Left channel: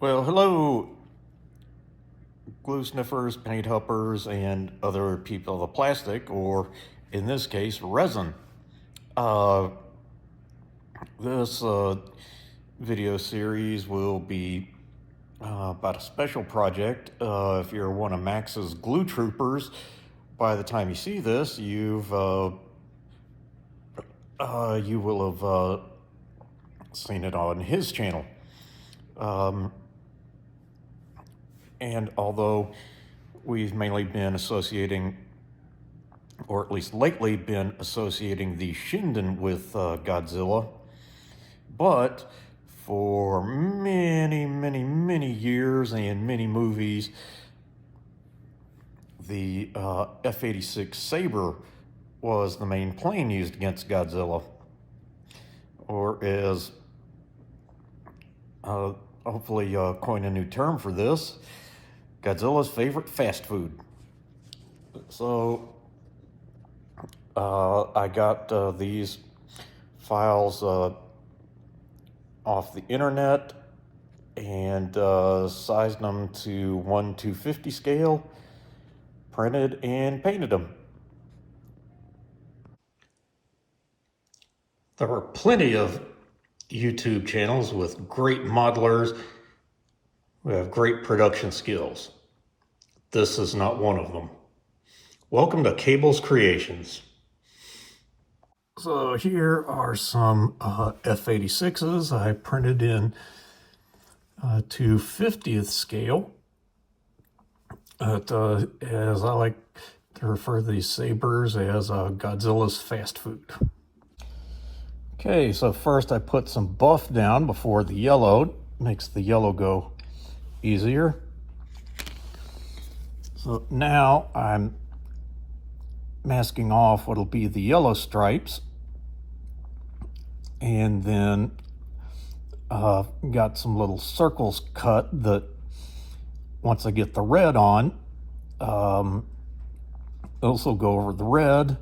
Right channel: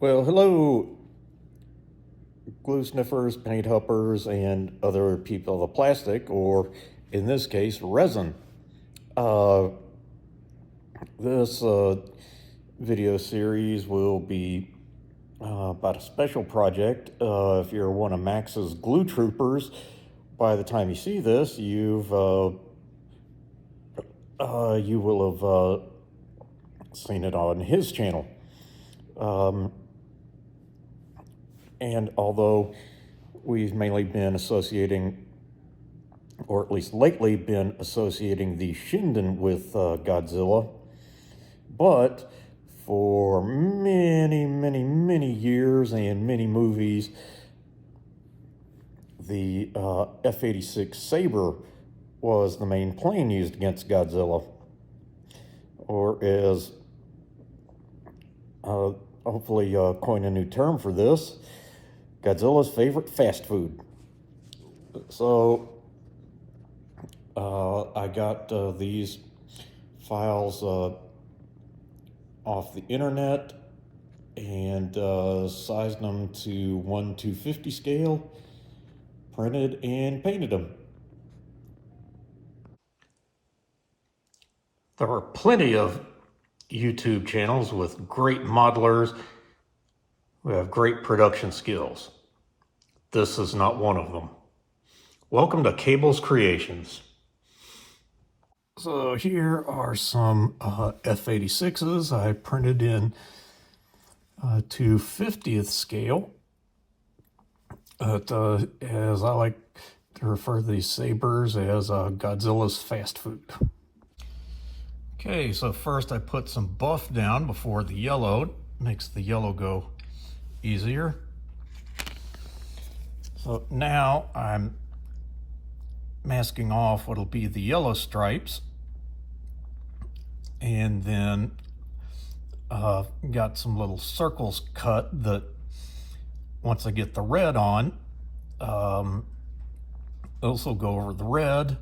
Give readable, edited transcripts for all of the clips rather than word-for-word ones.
Well, hello, glue sniffers, paint hoppers, and other people of plastic, or in this case, resin. Uh, this video series will be about a special project. If you're one of Max's glue troopers, by the time you see this, you will have seen it on his channel. And although we've mainly been associating, or at least lately been associating the Shinden with Godzilla, but for many years and many movies, the F-86 Sabre was the main plane used against Godzilla, or as hopefully coin a new term for this, Godzilla's favorite fast food. So I got these files off the internet and sized them to 1:250 scale, printed and painted them. There are plenty of YouTube channels with great modelers who have great production skills. This is not one of them. Welcome to Cable's Creations. So here are some F-86s I printed in to 50th scale. As I like to refer to these Sabres as Godzilla's fast food. Okay, so first I put some buff down before the yellow. Makes the yellow go easier. So now I'm masking off what'll be the yellow stripes, and then got some little circles cut that once I get the red on, also go over the red,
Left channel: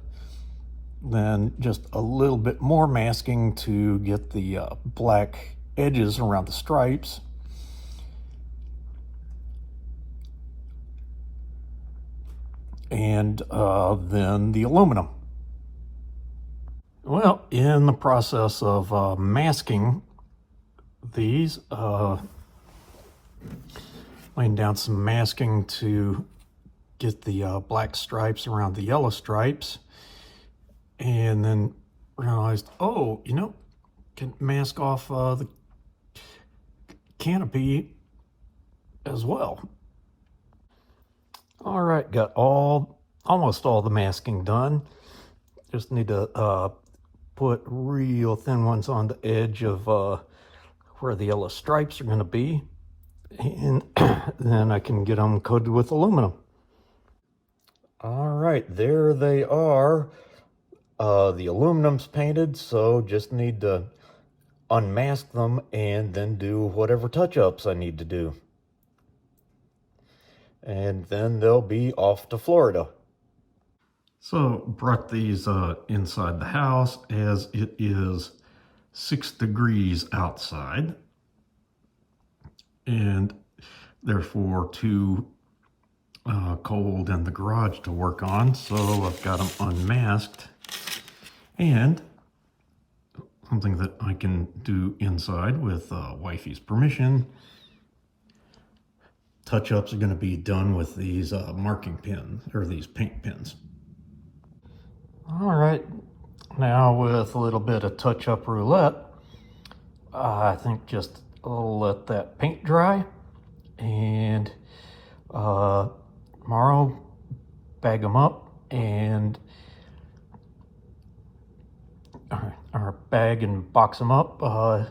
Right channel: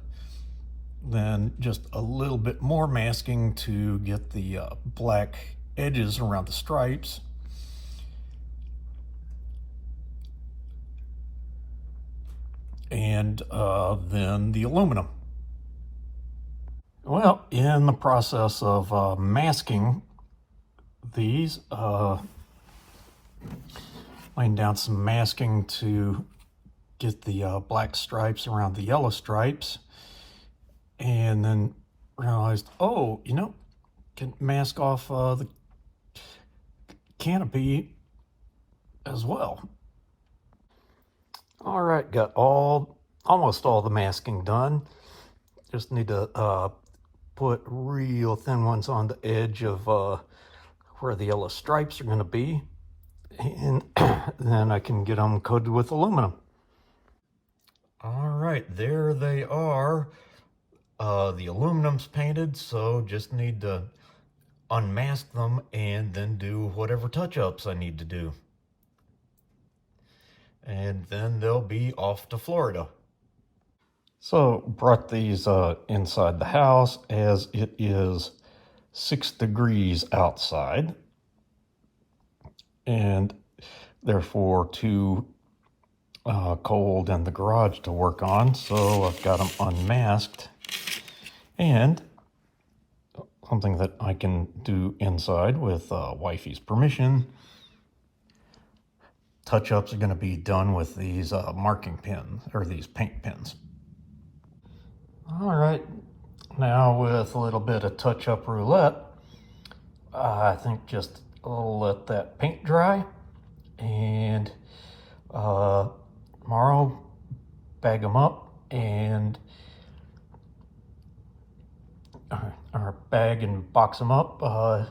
then just a little bit more masking to get the black edges around the stripes. And then the aluminum. Well, in the process of masking these, laying down some masking to get the black stripes around the yellow stripes, and then realized, oh, can mask off the canopy as well. All right, got almost all the masking done. Just need to put real thin ones on the edge of where the yellow stripes are going to be, and then I can get them coated with aluminum. All right, there they are. The aluminum's painted, so just need to unmask them and then do whatever touch-ups I need to do. And then they'll be off to Florida. So brought these inside the house as it is 6 degrees outside, and therefore too cold in the garage to work on, so I've got them unmasked. And something that I can do inside with wifey's permission, touch-ups are going to be done with these marking pins, or these paint pins. All right, now with a little bit of touch-up roulette, I think just let that paint dry, and tomorrow bag them up and or bag and box them up, and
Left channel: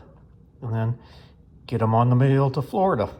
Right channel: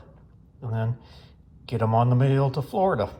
then get them on the mail to Florida.